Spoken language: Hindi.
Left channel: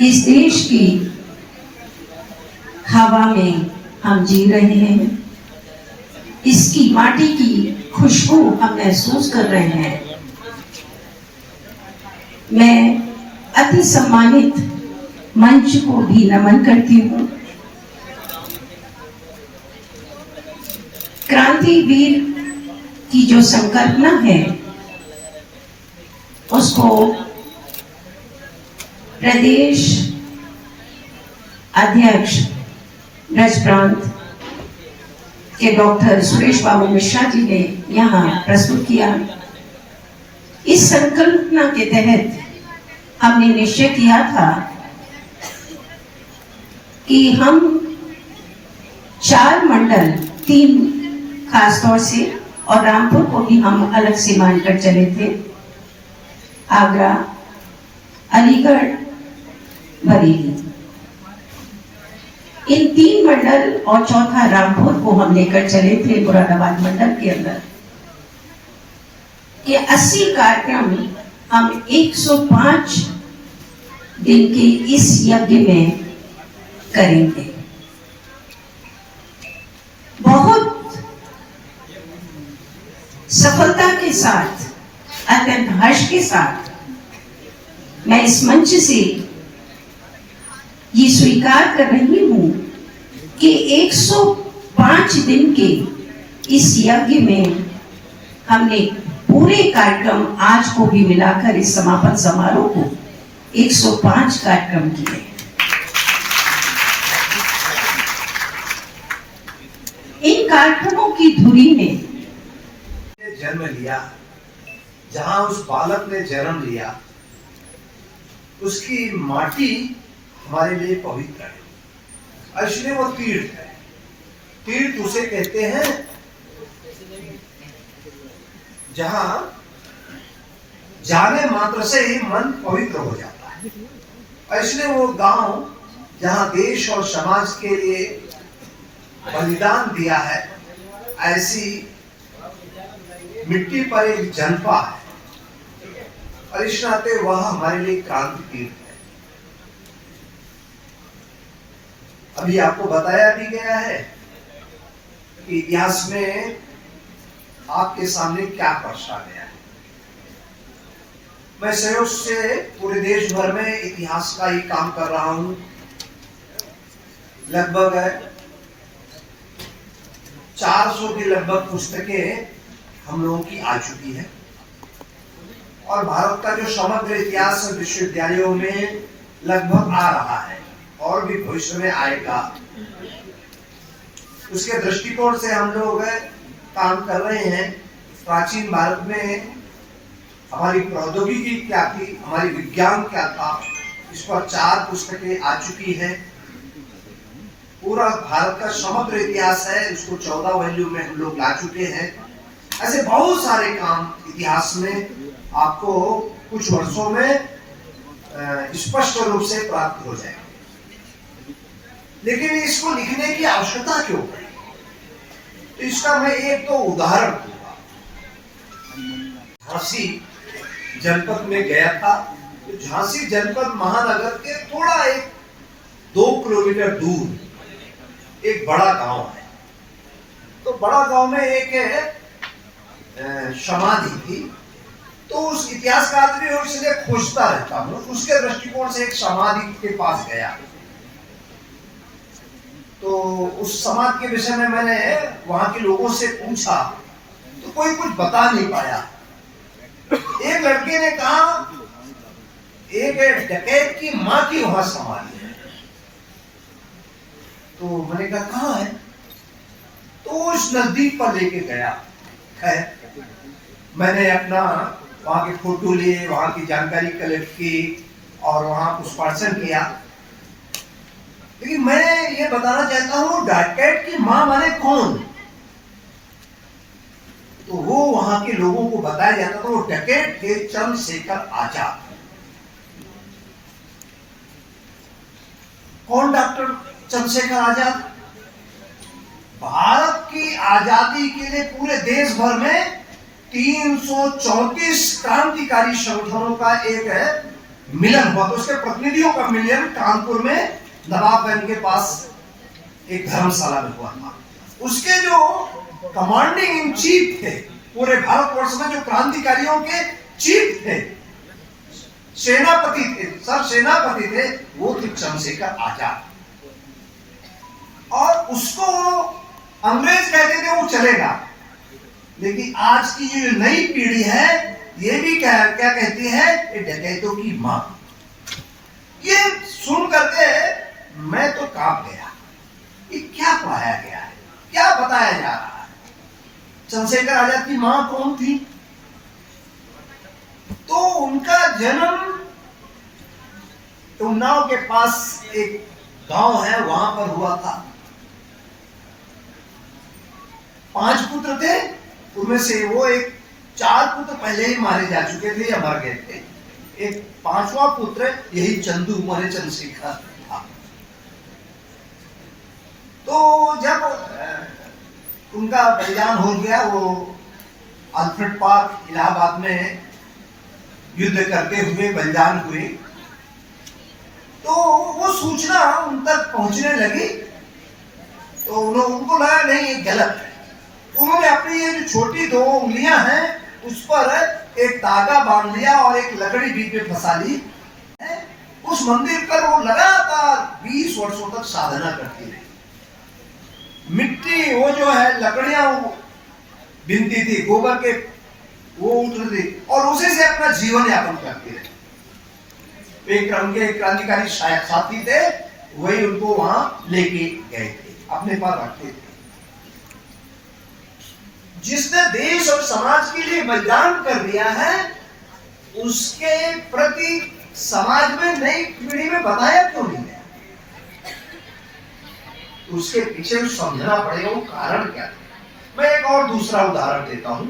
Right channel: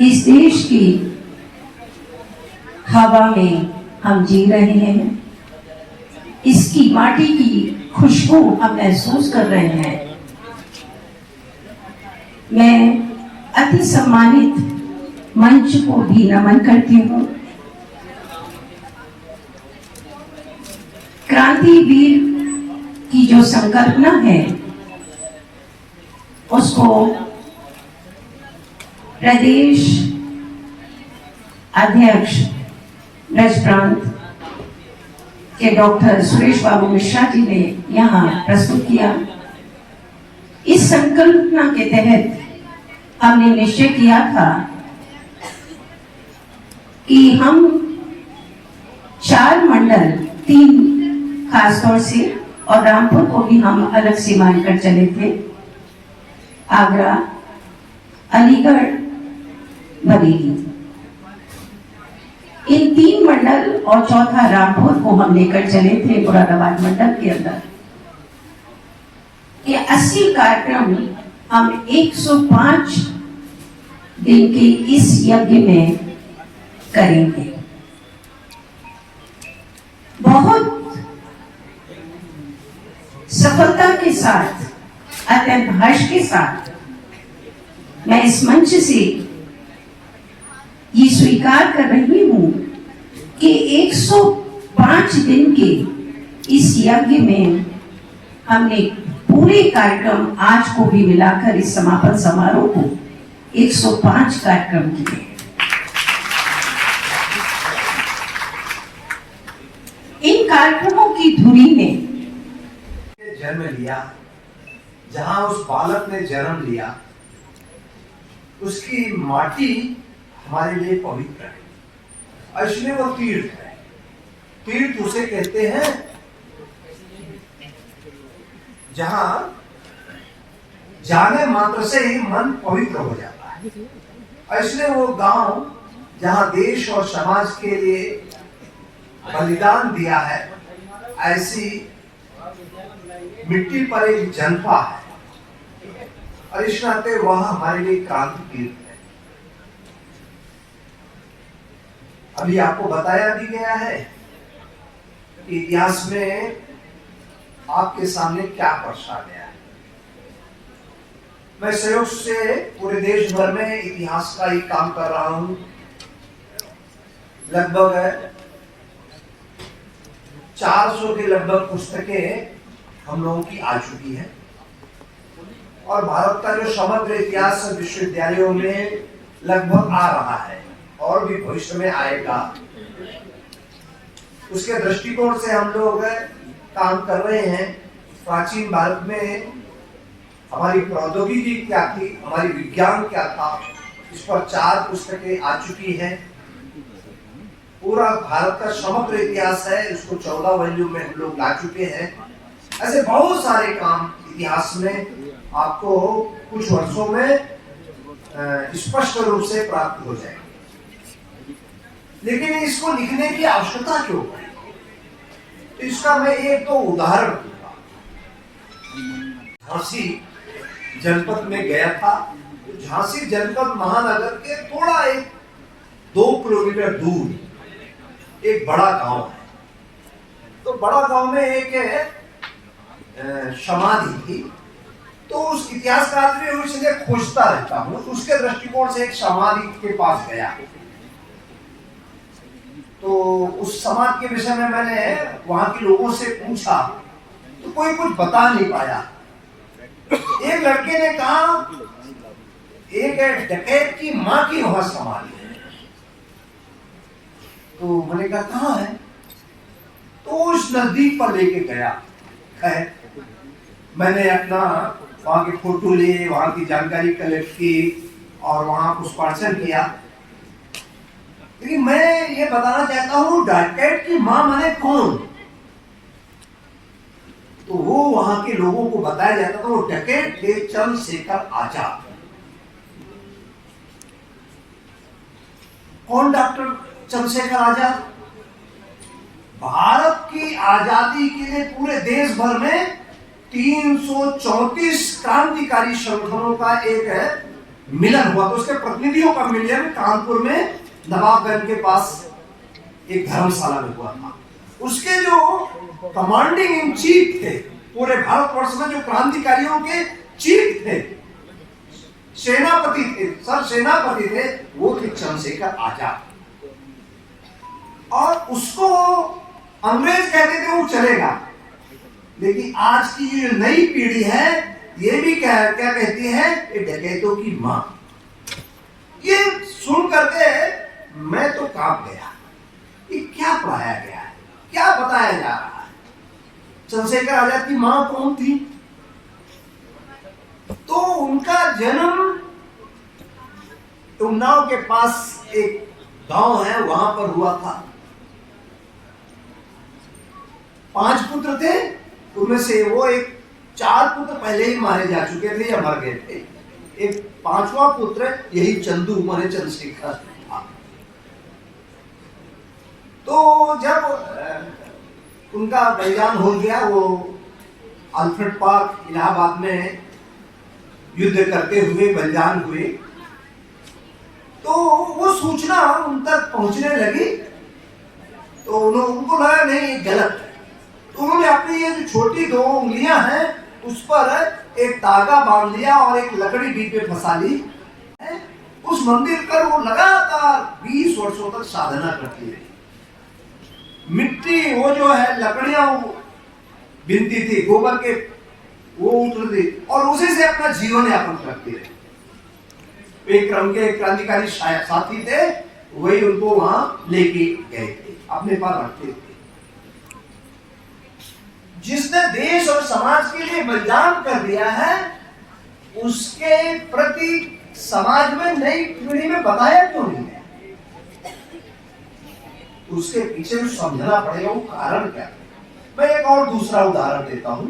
इस देश की हवा में हम जी रहे हैं, इसकी माटी की खुशबू हम महसूस कर रहे हैं। मैं अति सम्मानित मंच को भी नमन करती हूँ। क्रांतिवीर की जो संकल्पना है उसको प्रदेश अध्यक्ष ब्रज प्रांत के डॉक्टर सुरेश बाबू मिश्रा जी ने यहाँ प्रस्तुत किया। इस संकल्पना के तहत हमने निश्चय किया था कि हम 4 मंडल, 3 खासतौर से और रामपुर को भी हम अलग से मानकर चले थे, आगरा, अलीगढ़, बरेली, इन 3 मंडल और चौथा रामपुर को हम लेकर चले थे मुरादाबाद मंडल के अंदर। ये 80 कार्यक्रम हम 105 दिन के इस यज्ञ में करेंगे। बहुत सफलता के साथ, अत्यंत हर्ष के साथ मैं इस मंच से ये स्वीकार कर रही हूं कि 105 दिन के इस यज्ञ में हमने पूरे कार्यक्रम आज को भी मिलाकर इस समापन समारोह को 105 कार्यक्रम किए। इन कार्यक्रमों की धुरी में जन्म लिया, जहां उस बालक ने जन्म लिया, उसकी माटी हमारे लिए पवित्र है, इसलिए वो तीर्थ है। तीर्थ उसे कहते हैं जहां जाने मात्र से ही मन पवित्र हो जाता है। इसलिए वो गांव जहां देश और समाज के लिए बलिदान दिया है, ऐसी मिट्टी पर एक जन्मा है और इस नाते वह हमारे लिए क्रांति तीर्थ है। अभी आपको बताया भी गया है कि इतिहास में आपके सामने क्या दर्शा गया है। मैं सहयोग से पूरे देश भर में इतिहास का ही काम कर रहा हूं। लगभग 400 की लगभग पुस्तकें हम लोगों की आ चुकी है और भारत का जो समग्र इतिहास विश्वविद्यालयों में लगभग आ रहा है और भी भविष्य में आएगा। उसके दृष्टिकोण से हम लोग काम कर रहे हैं। प्राचीन भारत में हमारी प्रौद्योगिकी क्या थी, हमारी विज्ञान क्या था, इस पर 4 पुस्तकें आ चुकी हैं। पूरा भारत का समग्र इतिहास है, उसको 14 वॉल्यूम में हम लोग ला चुके हैं। ऐसे बहुत सारे काम इतिहास में आपको कुछ वर्षों में स्पष्ट रूप से प्राप्त हो जाएंगे। लेकिन इसको लिखने की आवश्यकता क्यों पड़ी? तो इसका मैं एक तो उदाहरण दूंगा। झांसी जनपद में गया था। तो झांसी जनपद महानगर के थोड़ा 2 किलोमीटर दूर एक बड़ा गांव है। तो बड़ा गांव में एक समाधि थी। तो उस इतिहासकार में इसलिए खोजता रहता हूं, उसके दृष्टिकोण से एक समाधि के पास गया। तो उस समाधि के विषय में मैंने वहां के लोगों से पूछा तो कोई कुछ बता नहीं पाया। एक लड़के ने कहा एक डकैत की मां की वहां समाधि है। तो मैंने कहा कहां है? तो उस नजदीक पर लेके गया है। मैंने अपना वहां के फोटो लिए, वहां की जानकारी कलेक्ट की और वहां पुष्पार्चन किया। लेकिन मैं ये बताना चाहता हूं डकैत की मां माने कौन? तो वो वहां के लोगों को बताया जाता था वो डकैत थे चंद्रशेखर आजाद। कौन डॉक्टर चंद्रशेखर आजाद? भारत की आजादी के लिए पूरे देश भर में 334 क्रांतिकारी संगठनों का एक मिलन हुआ, तो उसके प्रतिनिधियों का मिलन कानपुर में नवाबगंज के पास एक धर्मशाला में हुआ था। उसके जो कमांडिंग इन चीफ थे पूरे भारतवर्ष में, जो क्रांतिकारियों के चीफ थे, सेनापति थे, सर सेनापति थे, वो थे चंद्रशेखर आजाद। और उसको अंग्रेज कहते थे वो चलेगा, लेकिन आज की जो नई पीढ़ी है ये भी क्या कहती है, ये डकैतों की मां। ये सुन करके मैं तो कांप गया, ये क्या पढ़ाया गया है, क्या बताया जा रहा है। चंद्रशेखर आजाद की मां कौन थी? तो उनका जन्म उन्नाव के पास एक गांव है, वहां पर हुआ था। 5 पुत्र थे, उनमें से वो एक 4 पुत्र पहले ही मारे जा चुके थे या मर गए थे। एक 5वां पुत्र यही चंदू माने चंद्रशेखर था। तो जब उनका बलिदान हो गया, वो अल्फ्रेड पार्क इलाहाबाद में युद्ध करते हुए बलिदान हुए, तो वो सूचना उन तक पहुंचने लगी। तो उनको लगा नहीं ये गलत है, तो उन्होंने अपनी ये जो छोटी 2 उंगलियां हैं उस पर एक धागा बांध लिया और एक लकड़ी बीच में फंसा ली। उस मंदिर पर वो लगातार 20 वर्षों तक साधना करती रही। मिट्टी वो जो है लकड़ियां बिनती थी, गोबर के वो उठती थी, और उसी से अपना जीवन यापन करती रही। एक क्रम के क्रांतिकारी साथी थे, वही उनको वहां लेके गए थे, अपने पास रखते थे। जिसने देश और समाज के लिए बलिदान कर दिया है, उसके प्रति समाज में नई पीढ़ी में बताया क्यों नहीं है? उसके पीछे समझना पड़ेगा वो कारण क्या है। मैं एक और दूसरा उदाहरण देता हूं।